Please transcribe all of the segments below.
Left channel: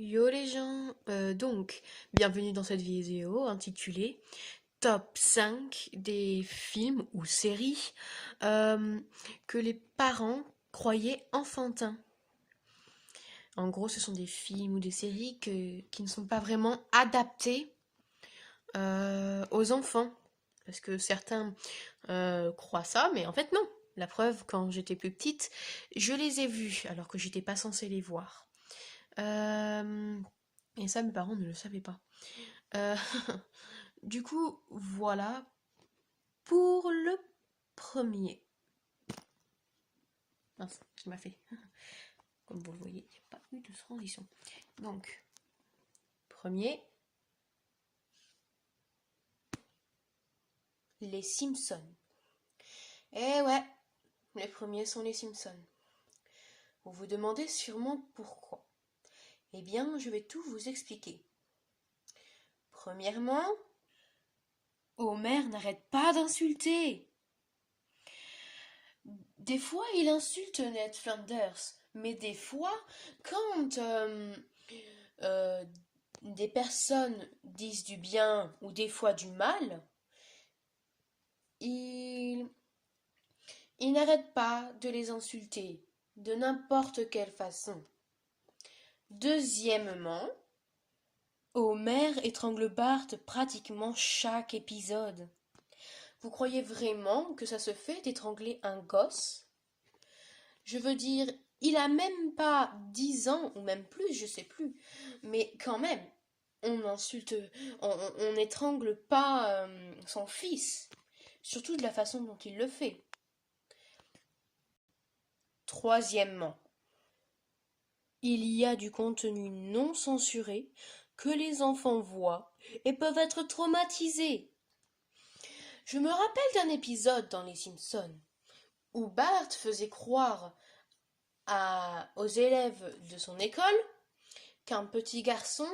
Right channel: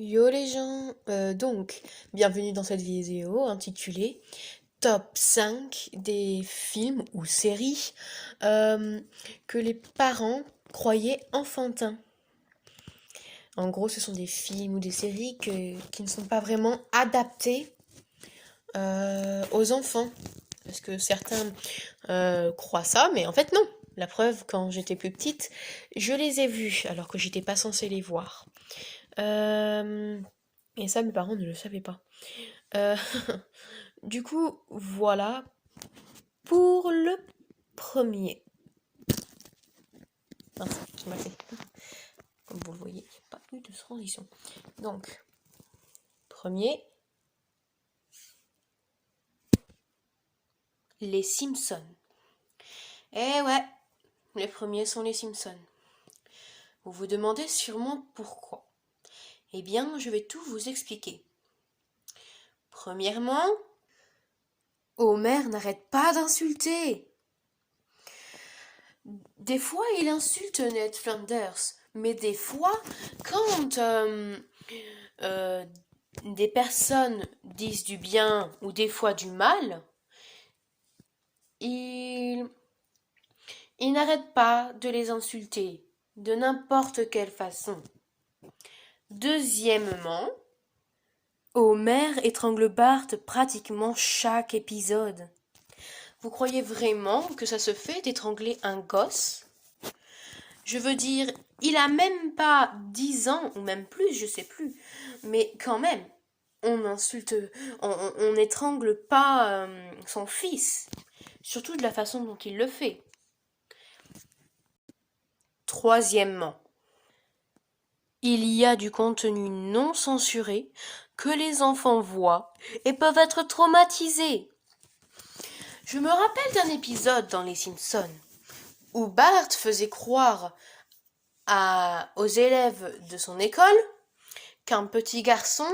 Yo les gens, bienvenue dans cette vidéo intitulée Top 5 des films ou séries que les parents croyaient enfantins. En gros, ce sont des films ou des séries qui ne sont pas vraiment adaptés aux enfants. Parce que certains croient ça, mais en fait non. La preuve, quand j'étais plus petite, je les ai vus alors que j'étais pas censée les voir. Et ça, mes parents ne le savaient pas. Euh, du coup, voilà pour le premier. Mince, j'ai mal fait. Comme vous le voyez, il n'y a pas eu de transition. Donc, premier, les Simpsons. Eh ouais, les premiers sont les Simpsons. Vous vous demandez sûrement pourquoi. Eh bien, je vais tout vous expliquer. Premièrement, Homer n'arrête pas d'insulter. Des fois, il insulte Ned Flanders, mais des fois, quand euh, des personnes disent du bien ou des fois du mal, il, il n'arrête pas de les insulter, de n'importe quelle façon. Deuxièmement, Homer étrangle Bart pratiquement chaque épisode. Vous croyez vraiment que ça se fait d'étrangler un gosse? Je veux dire, il a même pas 10 ans, ou même plus, je sais plus. Mais quand même, on insulte, on n'étrangle pas son fils. Surtout de la façon dont il le fait. Troisièmement, il y a du contenu non censuré que les enfants voient et peuvent être traumatisés. Je me rappelle d'un épisode dans Les Simpsons où Bart faisait croire aux élèves de son école qu'un petit garçon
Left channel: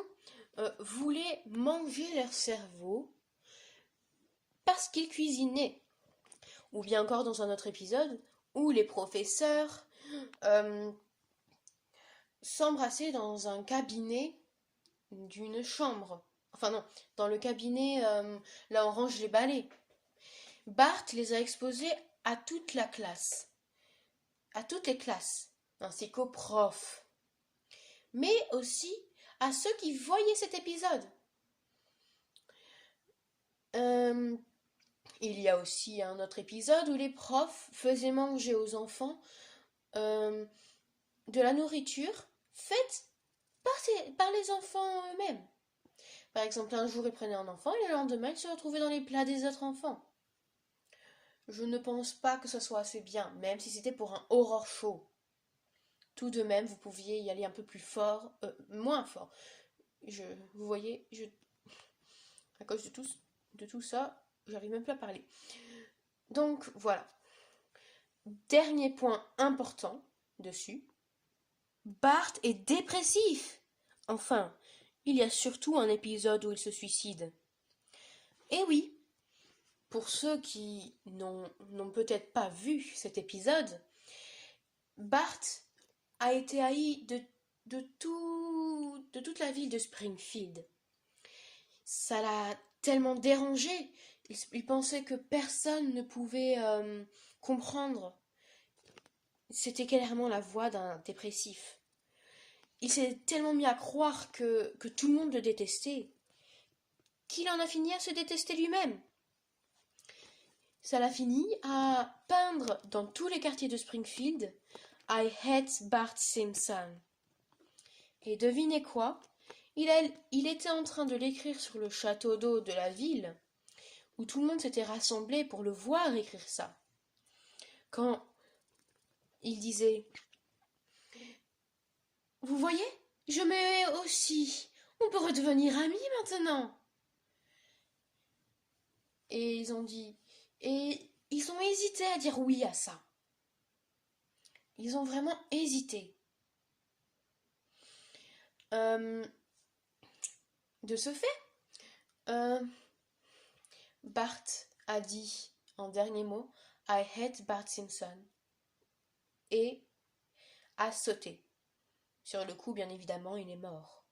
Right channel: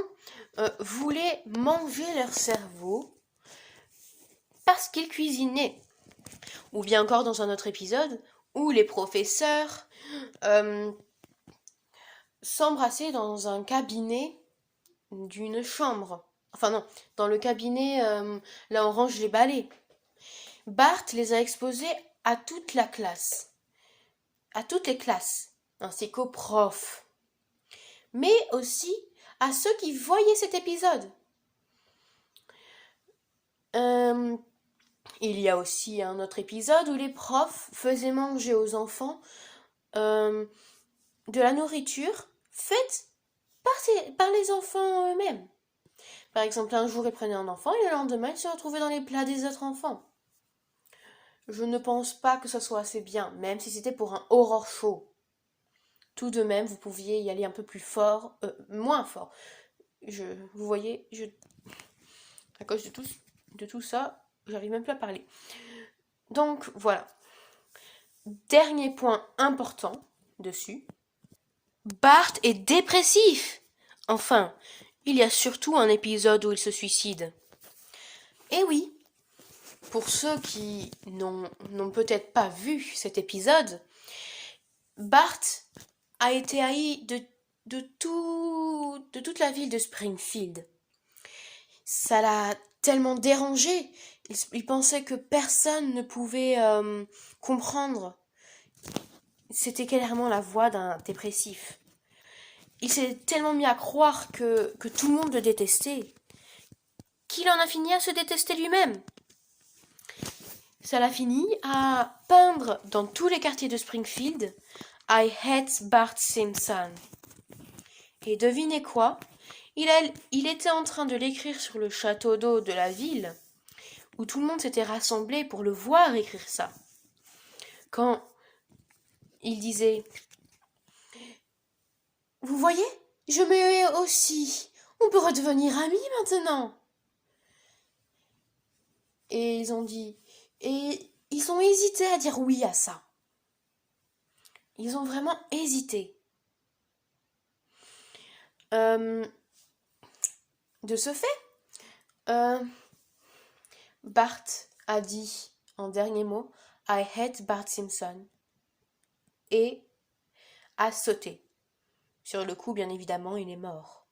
voulait manger leur cerveau parce qu'il cuisinait. Ou bien encore dans un autre épisode où les professeurs s'embrassaient dans un cabinet d'une chambre. Enfin non, dans le cabinet là où on range les balais. Bart les a exposés à toute la classe, à toutes les classes, ainsi qu'aux profs, mais aussi à ceux qui voyaient cet épisode. Il y a aussi un autre épisode où les profs faisaient manger aux enfants de la nourriture faite par les enfants eux-mêmes. Par exemple, un jour, ils prenaient un enfant et le lendemain, ils se retrouvaient dans les plats des autres enfants. Je ne pense pas que ce soit assez bien, même si c'était pour un horror show. Tout de même, vous pouviez y aller un peu plus fort, moins fort. Vous voyez, à cause de tout ça, j'arrive même plus à parler. Donc voilà. Dernier point important dessus. Bart est dépressif. Enfin, il y a surtout un épisode où il se suicide. Et oui, pour ceux qui n'ont peut-être pas vu cet épisode, Bart a été haï de toute la ville de Springfield. Ça l'a tellement dérangé. Il pensait que personne ne pouvait comprendre. C'était clairement la voix d'un dépressif. Il s'est tellement mis à croire que tout le monde le détestait qu'il en a fini à se détester lui-même. Ça l'a fini à peindre dans tous les quartiers de Springfield I hate Bart Simpson. Et devinez quoi? Il était en train de l'écrire sur le château d'eau de la ville, où tout le monde s'était rassemblé pour le voir écrire ça. Quand il disait « Vous voyez, je m'aimais aussi. On peut redevenir amis maintenant. » Et ils ont dit... Et ils ont hésité à dire oui à ça. Ils ont vraiment hésité. De ce fait, Bart a dit en dernier mot I hate Bart Simpson et a sauté. Sur le coup, bien évidemment, il est mort.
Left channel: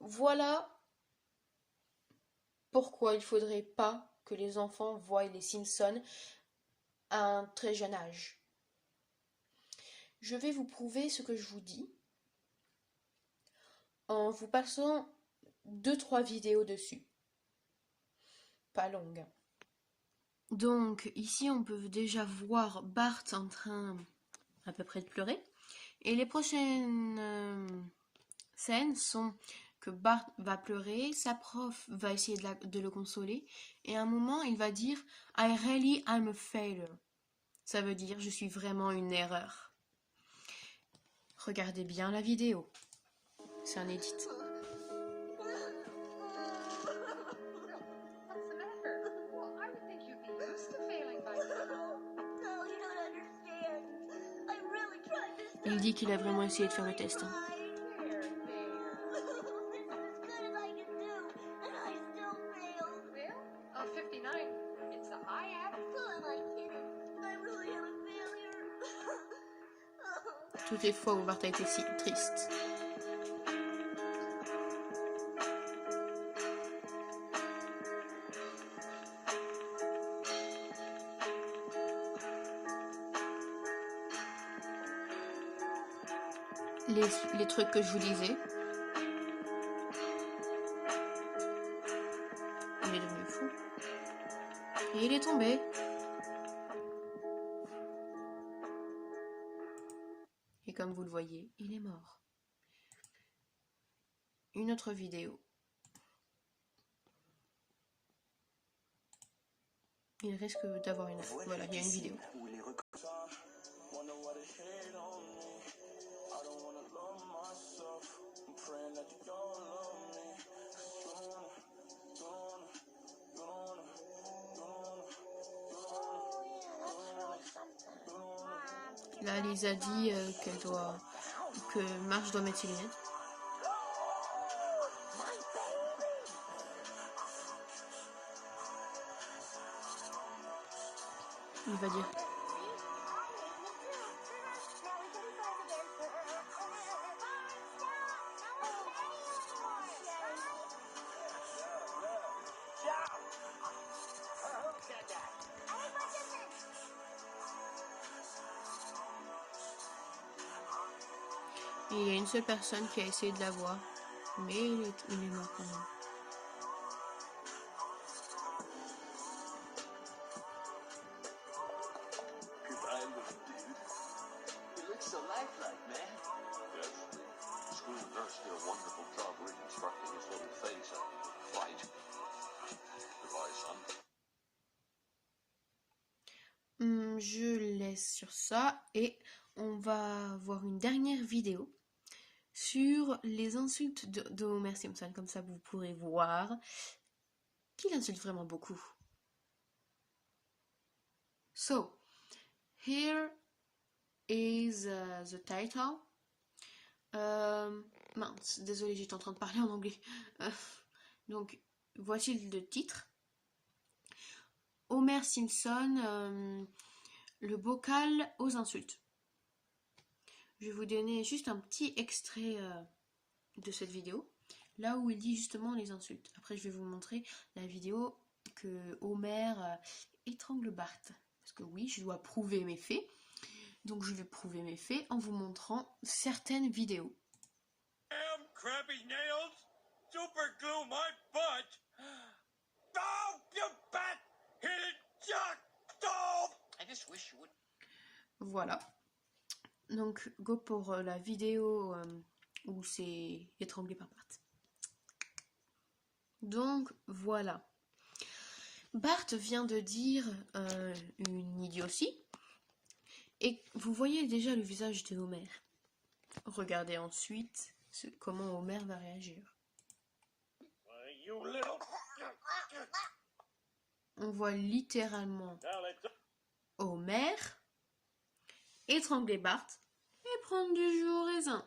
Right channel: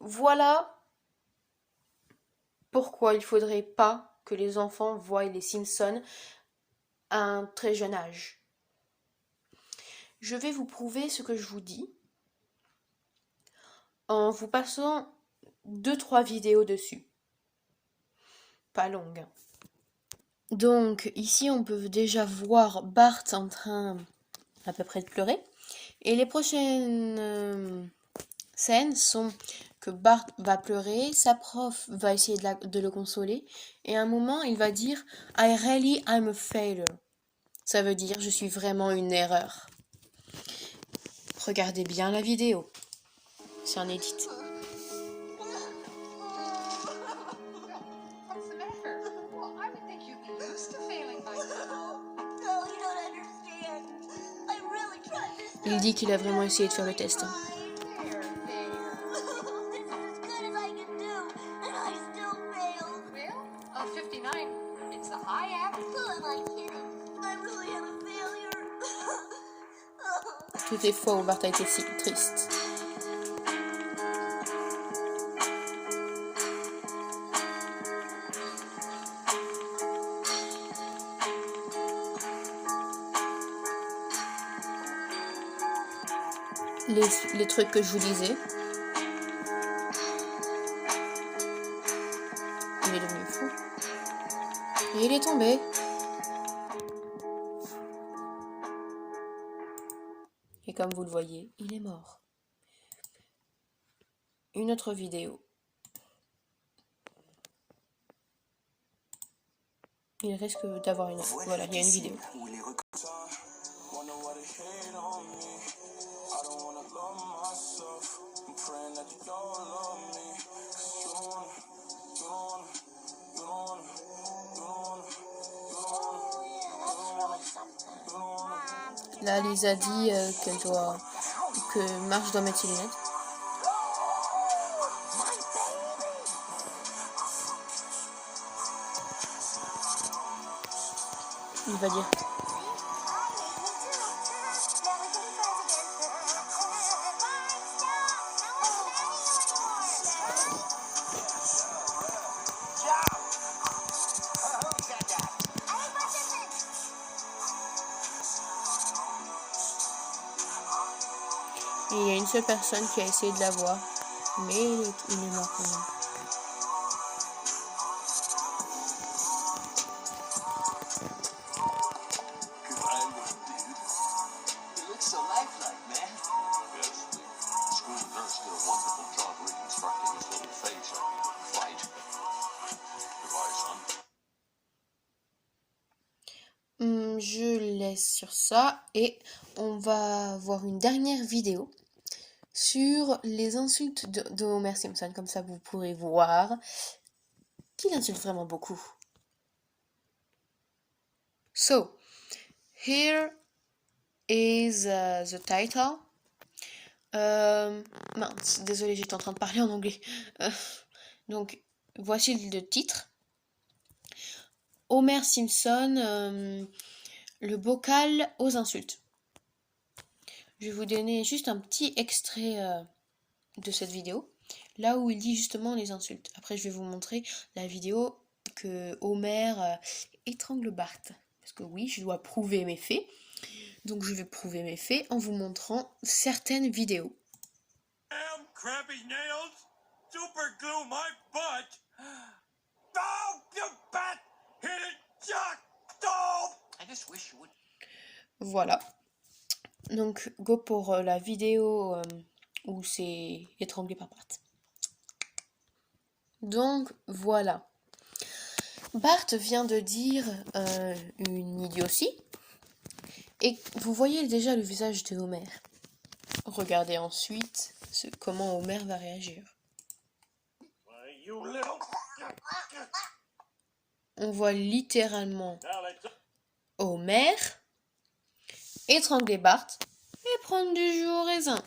voilà pourquoi il faudrait pas que les enfants voient les Simpsons à un très jeune âge. Je vais vous prouver ce que je vous dis en vous passant 2-3 vidéos dessus. Pas longues. Donc ici on peut déjà voir Bart en train à peu près de pleurer. Et les prochaines scènes sont que Bart va pleurer, sa prof va essayer de le consoler, et à un moment il va dire I really am a failure. Ça veut dire je suis vraiment une erreur. Regardez bien la vidéo. C'est un edit. Il dit qu'il a vraiment essayé de faire le test. Toutes les fois où Bart a été si triste. Les trucs que je vous disais. Il est devenu fou. Et il est tombé. Et comme vous le voyez, il est mort. Une autre vidéo. Il risque d'avoir une... Voilà, il y a une vidéo. Là, Lisa dit que Marge doit mettre ses lunettes. Il va dire. Et il y a une seule personne qui a essayé de la voir, mais il est mort quand même. Je laisse sur ça et on va voir une dernière vidéo sur les insultes de Homer Simpson. Comme ça, vous pourrez voir qu'il insulte vraiment beaucoup. So, here is the title. Mince, désolé, j'étais en train de parler en anglais. Donc, voici le titre. Homer Simpson, le bocal aux insultes. Je vais vous donner juste un petit extrait de cette vidéo, là où il dit justement les insultes. Après, je vais vous montrer la vidéo que Homer étrangle Bart. Parce que oui, je dois prouver mes faits. Donc je vais prouver mes faits en vous montrant certaines vidéos. Voilà. Donc go pour la vidéo où c'est étranglé par Bart. Donc voilà. Bart vient de dire une idiotie. Et vous voyez déjà le visage de Homer. Regardez ensuite comment Homer va réagir. On voit littéralement Homer étrangler Bart et prendre du jus au raisin.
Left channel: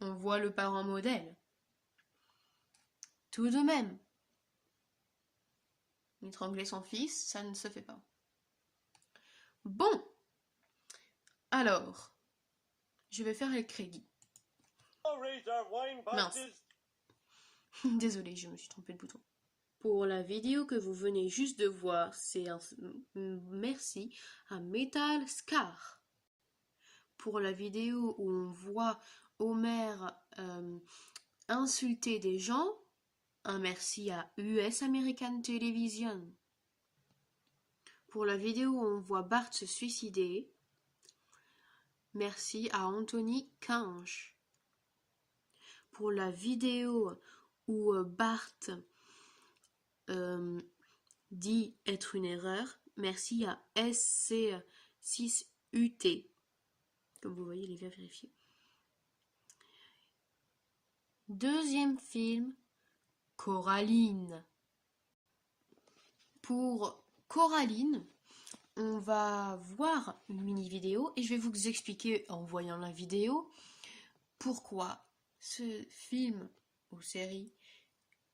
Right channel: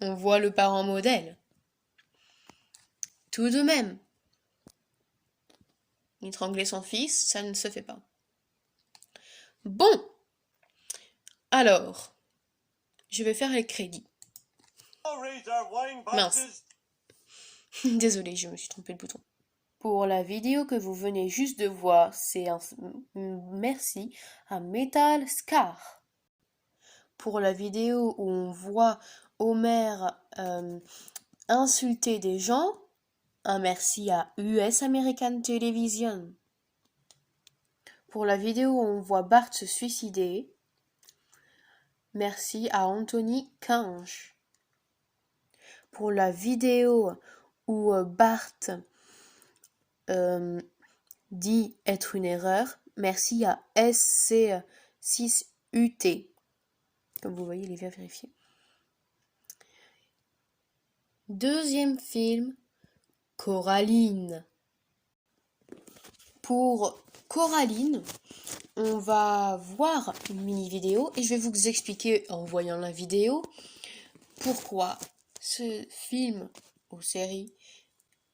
On voit le parent modèle. Tout de même, étrangler son fils, ça ne se fait pas. Bon, alors, je vais faire les crédits. Mince. Désolée, je me suis trompée de bouton. Pour la vidéo que vous venez juste de voir, c'est un merci à Metal Scar. Pour la vidéo où on voit Homer insulter des gens, un merci à US American Television. Pour la vidéo où on voit Bart se suicider, merci à Anthony Kinge. Pour la vidéo où Bart dit être une erreur, merci à SC6UT. Comme vous voyez, il est bien vérifié. Deuxième film, Coraline. Pour Coraline, on va voir une mini-vidéo et je vais vous expliquer en voyant la vidéo pourquoi ce film ou série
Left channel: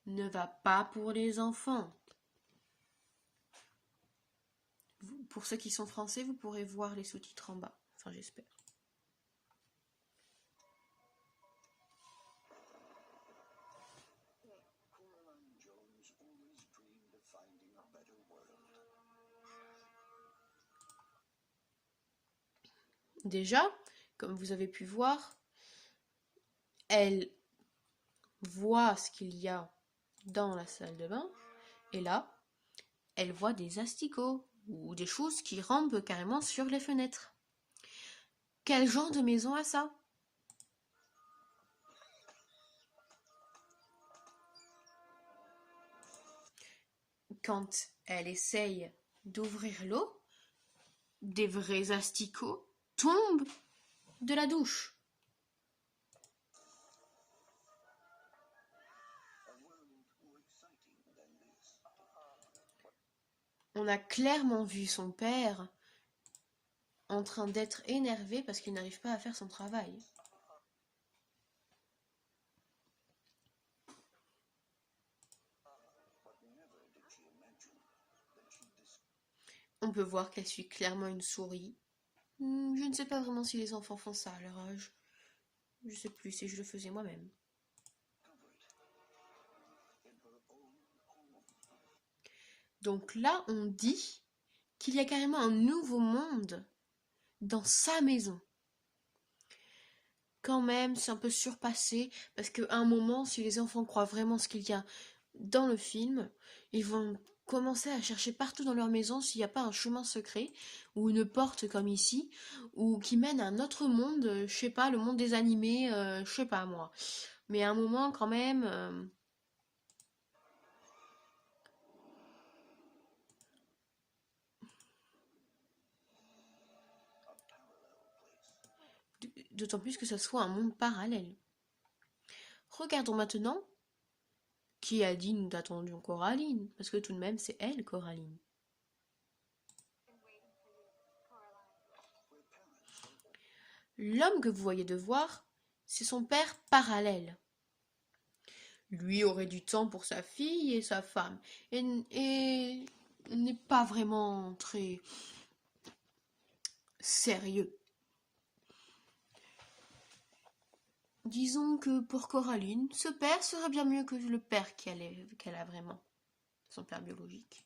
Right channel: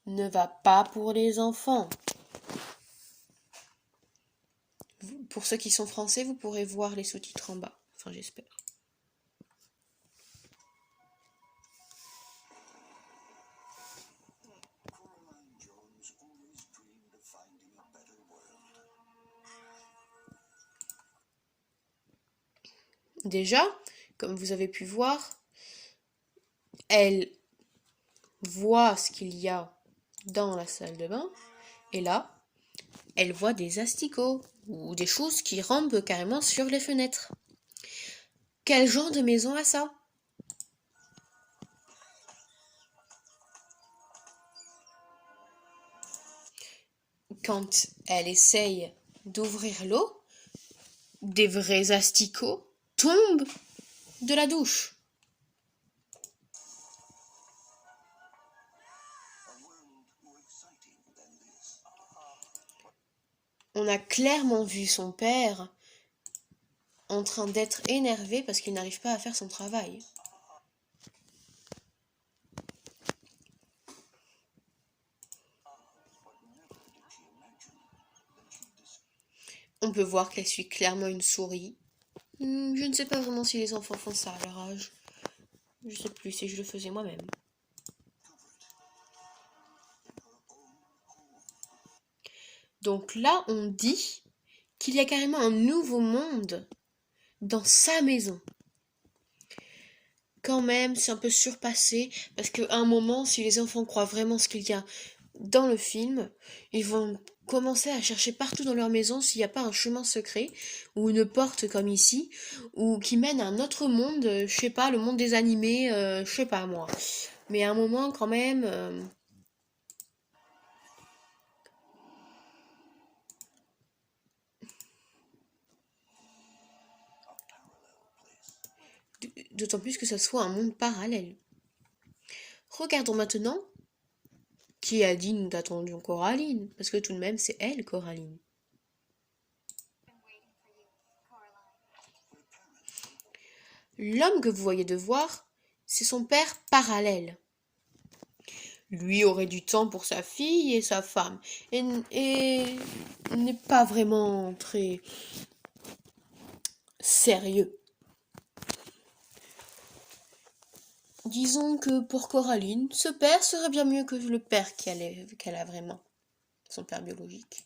ne va pas pour les enfants. Pour ceux qui sont français, vous pourrez voir les sous-titres en bas. Enfin, j'espère. Déjà, comme vous avez pu voir, elle voit ce qu'il y a dans la salle de bain et là, elle voit des asticots ou des choses qui rampent carrément sur les fenêtres. Quel genre de maison a ça? Quand elle essaye d'ouvrir l'eau, des vrais asticots tombent de la douche. On a clairement vu son père en train d'être énervé parce qu'il n'arrive pas à faire son travail. On peut voir qu'elle suit clairement une souris. Je ne sais pas vraiment si les enfants font ça à leur âge. Je sais plus si je le faisais moi-même. Donc là, on dit qu'il y a carrément un nouveau monde dans sa maison. Quand même, c'est un peu surpassé, parce qu'à un moment, si les enfants croient vraiment ce qu'il y a dans le film, ils vont commencer à chercher partout dans leur maison s'il n'y a pas un chemin secret, ou une porte comme ici, ou qui mène à un autre monde, je sais pas, le monde des animés, je sais pas moi. Mais à un moment, quand même... D'autant plus que ça soit un monde parallèle. Regardons maintenant qui a dit nous attendions Coraline, parce que tout de même c'est elle Coraline. L'homme que vous voyez de voir, c'est son père parallèle. Lui aurait du temps pour sa fille et sa femme, et n'est pas vraiment très sérieux. Disons que pour Coraline, ce père serait bien mieux que le père qu'elle a vraiment, son père biologique.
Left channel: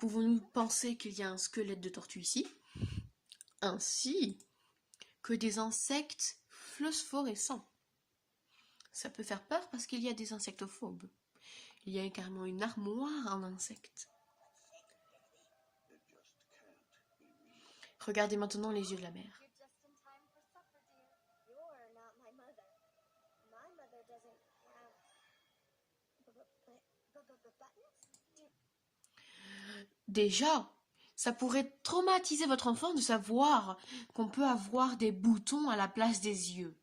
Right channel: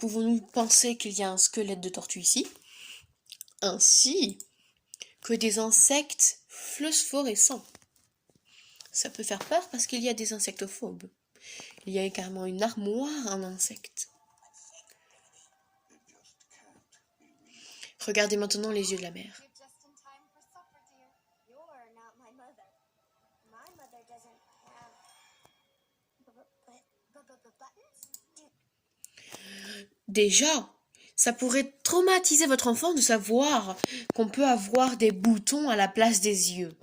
Pouvons-nous penser qu'il y a un squelette de tortue ici, ainsi que des insectes phosphorescents? Ça peut faire peur parce qu'il y a des insectophobes. Il y a carrément une armoire en insectes. Regardez maintenant les yeux de la mère. Déjà, ça pourrait traumatiser votre enfant de savoir qu'on peut avoir des boutons à la place des yeux.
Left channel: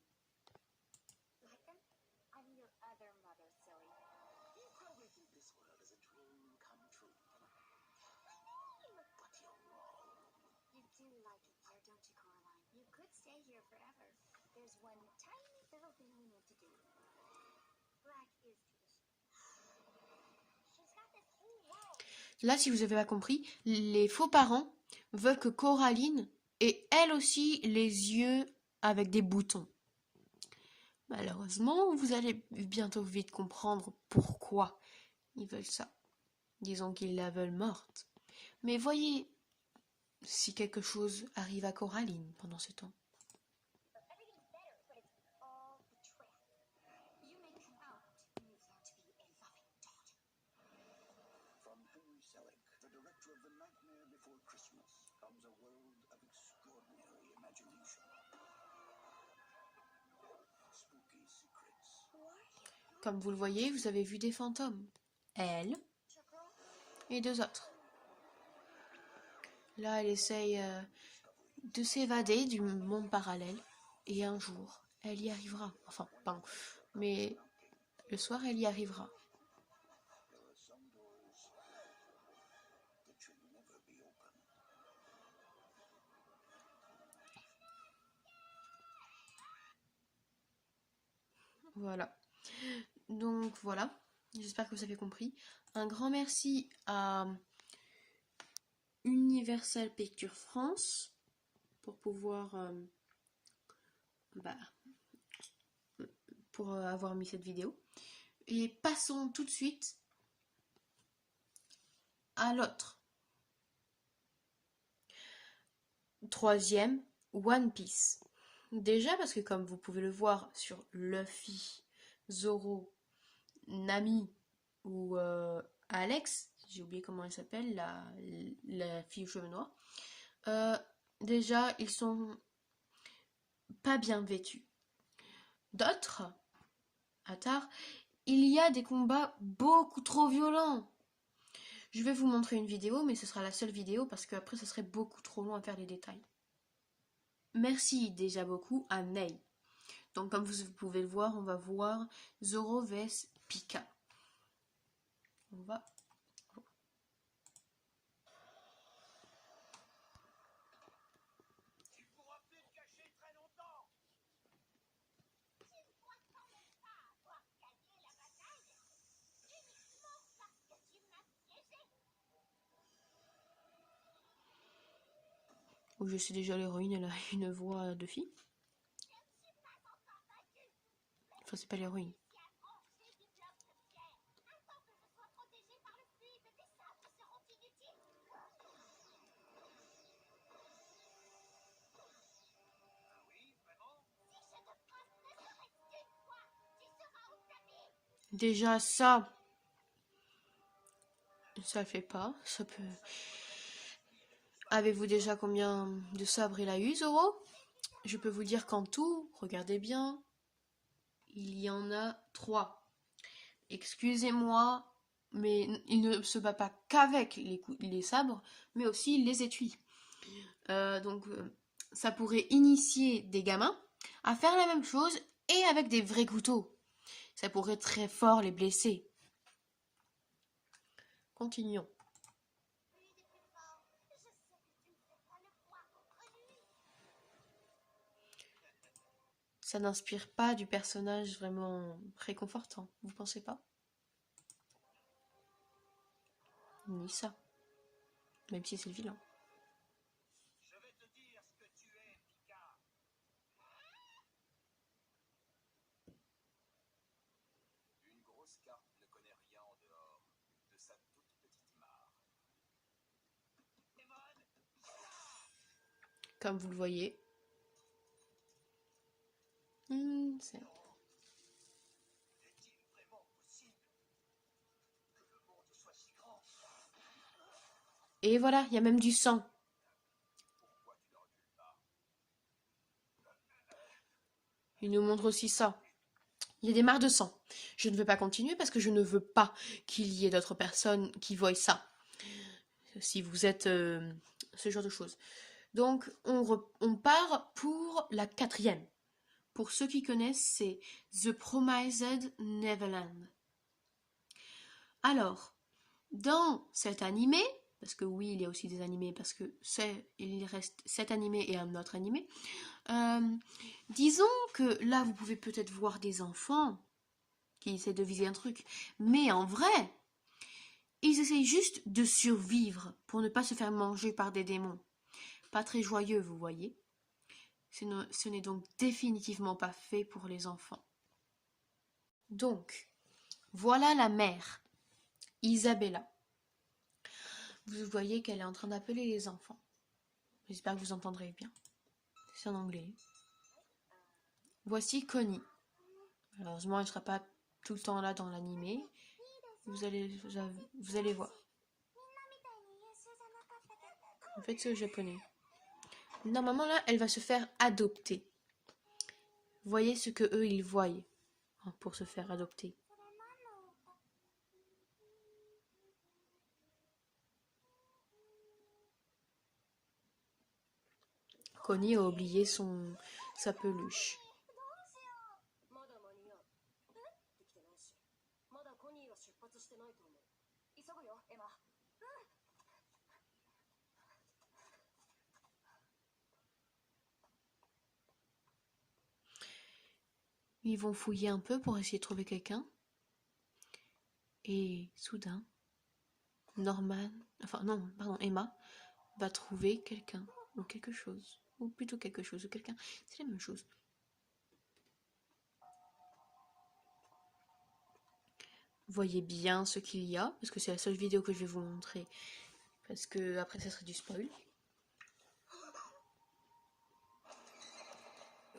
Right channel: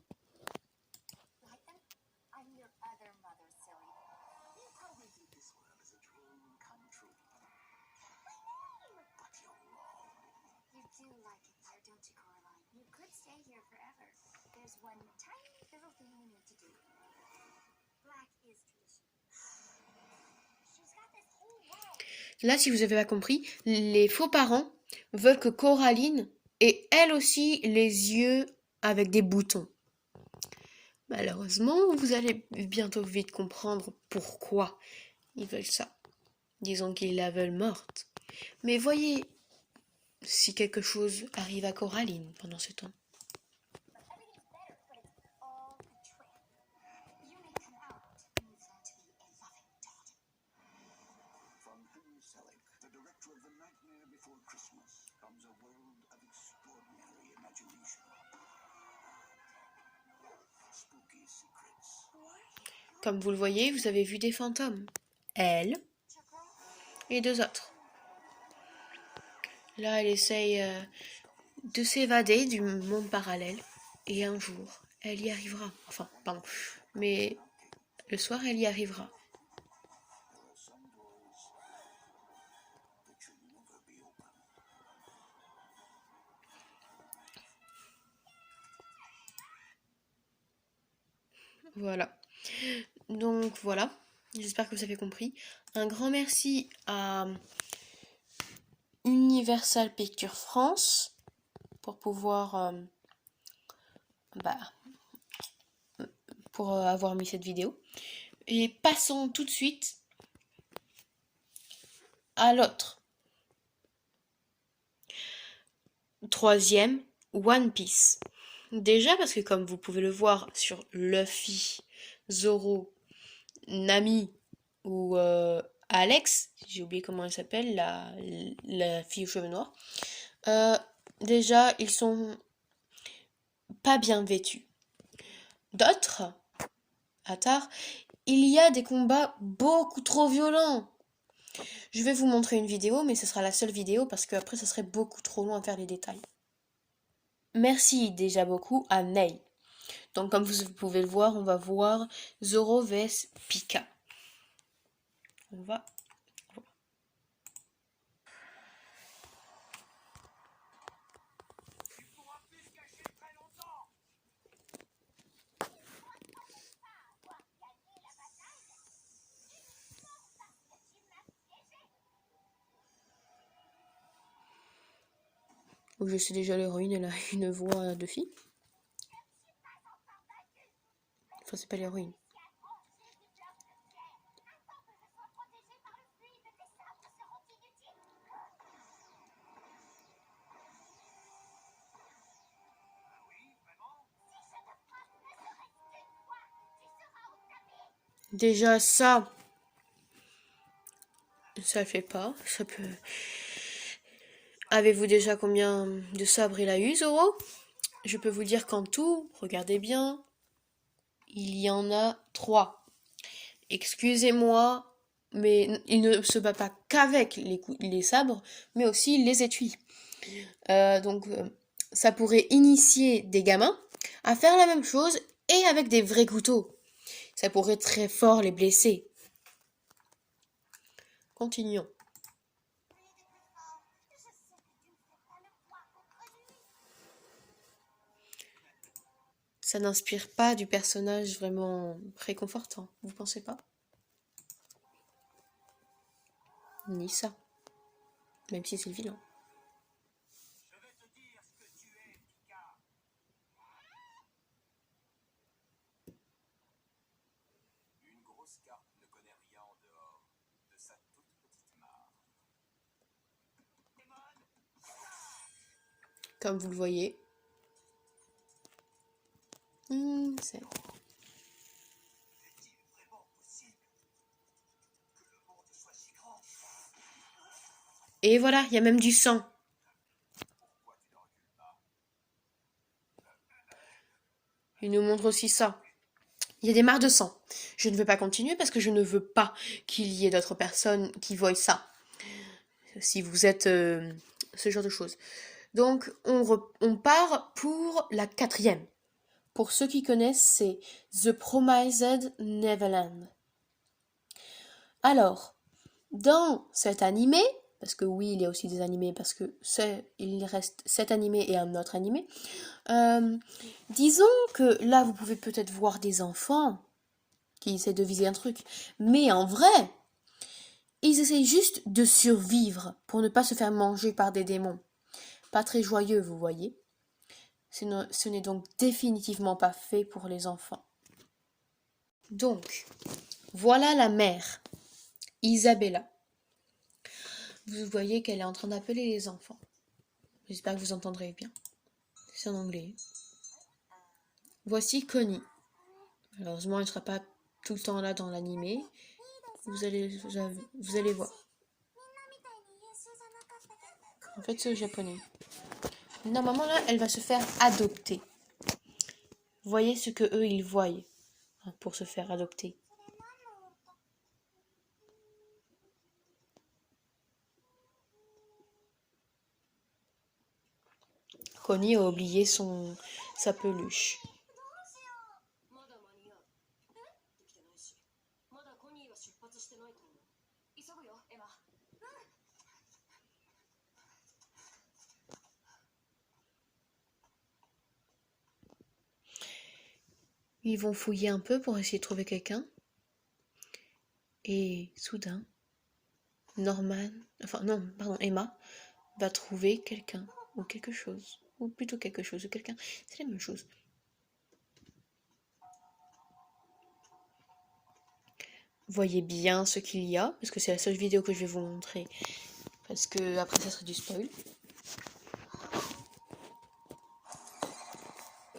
Là, si vous avez pas compris, les faux parents veulent que Coraline ait elle aussi les yeux avec des boutons. Malheureusement, vous allez bientôt vite comprendre pourquoi ils veulent ça. Disons qu'ils la veulent morte. Mais voyez si quelque chose arrive à Coraline pendant ce temps. Comme vous le voyez, vous avez vu des fantômes. Elle et deux autres. Là, elle essaye de s'évader du monde parallèle. Et un jour, elle y arrivera. Enfin, pardon. Mais le soir, elle y arrivera. Voilà. Donc voilà. J'espère que vous avez compris. Un grand merci à Universal Pictures France pour pouvoir pour avoir mis cette vidéo. Et passons tout de suite à l'autre. Troisième, One Piece. Déjà parce que comme vous pouvez le voir sur Luffy, Zoro, Nami ou Alex, j'ai oublié comment elle s'appelle, la fille aux cheveux noirs. Déjà, ils sont pas bien vêtus. D'autres, à tard, il y a des combats beaucoup trop violents. Je vais vous montrer une vidéo, mais ce sera la seule vidéo parce qu'après, ça serait beaucoup trop long à faire les détails. Merci déjà beaucoup à Ney. Donc, comme vous pouvez le voir, on va voir Zoro vs Pika. On va... Je sais déjà l'héroïne, elle a une voix de fille. Enfin, c'est pas l'héroïne. Déjà ça fait pas. Ça peut... Avez-vous déjà combien de sabres il a eu, Zoro? Je peux vous dire qu'en tout, regardez bien, il y en a 3. Excusez-moi, mais il ne se bat pas qu'avec les sabres, mais aussi les étuis. Donc, ça pourrait initier des gamins à faire la même chose et avec des vrais couteaux. Ça pourrait très fort les blesser. Continuons. Ça n'inspire pas du personnage vraiment réconfortant, vous pensez pas? Ni ça. Même si c'est le vilain. Comme vous le voyez. C'est... Et voilà, il y a même du sang. Il nous montre aussi ça. Il y a des mares de sang. Je ne veux pas continuer parce que je ne veux pas qu'il y ait d'autres personnes qui voient ça. Si vous êtes ce genre de choses. Donc, on part pour la 4e. Pour ceux qui connaissent, c'est The Promised Neverland. Alors, dans cet animé, parce que oui, il y a aussi des animés, parce que il reste cet animé et un autre animé, disons que là, vous pouvez peut-être voir des enfants qui essaient de viser un truc, mais en vrai, Ils essayent juste de survivre pour ne pas se faire manger par des démons. Pas très joyeux, vous voyez. Ce n'est donc définitivement pas fait pour les enfants. Donc, voilà la mère, Isabella. Vous voyez qu'elle est en train d'appeler les enfants. J'espère que vous entendrez bien. C'est en anglais. Voici Connie. Malheureusement, elle ne sera pas tout le temps là dans l'animé. Vous allez voir. En fait, c'est au japonais. Normalement, là, elle va se faire adopter. Voyez ce que eux, ils voient pour se faire adopter. Connie a oublié sa peluche. Ils vont fouiller un peu pour essayer de trouver quelqu'un. Et soudain, Emma va trouver quelqu'un ou quelque chose. Ou plutôt quelque chose ou quelqu'un. C'est la même chose. Voyez bien ce qu'il y a, parce que c'est la seule vidéo que je vais vous montrer. Parce que après ça serait du spoil.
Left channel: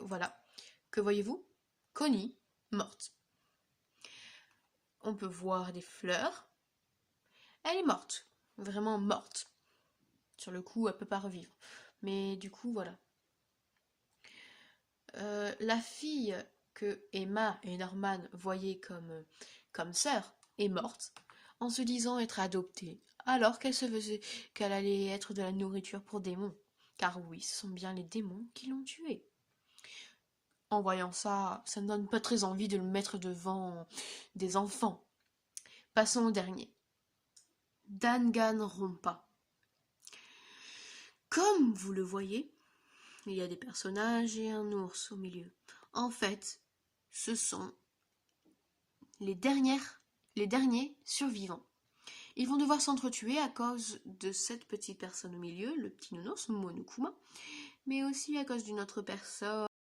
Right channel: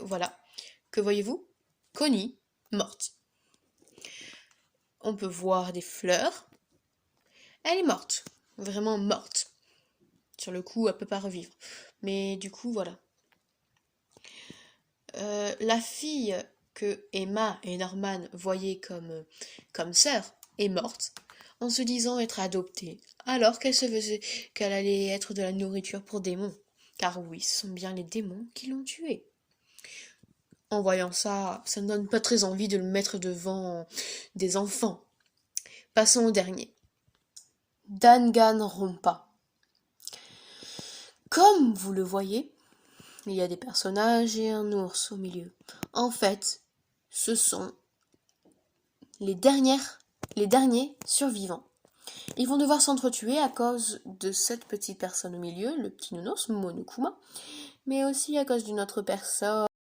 Voilà. Que voyez-vous? Connie, morte. On peut voir des fleurs. Elle est morte. Vraiment morte. Sur le coup, elle peut pas revivre. Mais du coup, voilà. La fille que Emma et Norman voyaient comme sœur est morte en se disant être adoptée, alors qu'elle se faisait qu'elle allait être de la nourriture pour démons. Car oui, ce sont bien les démons qui l'ont tuée. En voyant ça, ça ne donne pas très envie de le mettre devant des enfants. Passons au dernier. Danganronpa. Comme vous le voyez, il y a des personnages et un ours au milieu. En fait, ce sont les derniers survivants. Ils vont devoir s'entretuer à cause de cette petite personne au milieu, le petit nounours, Monokuma, mais aussi à cause d'une autre personne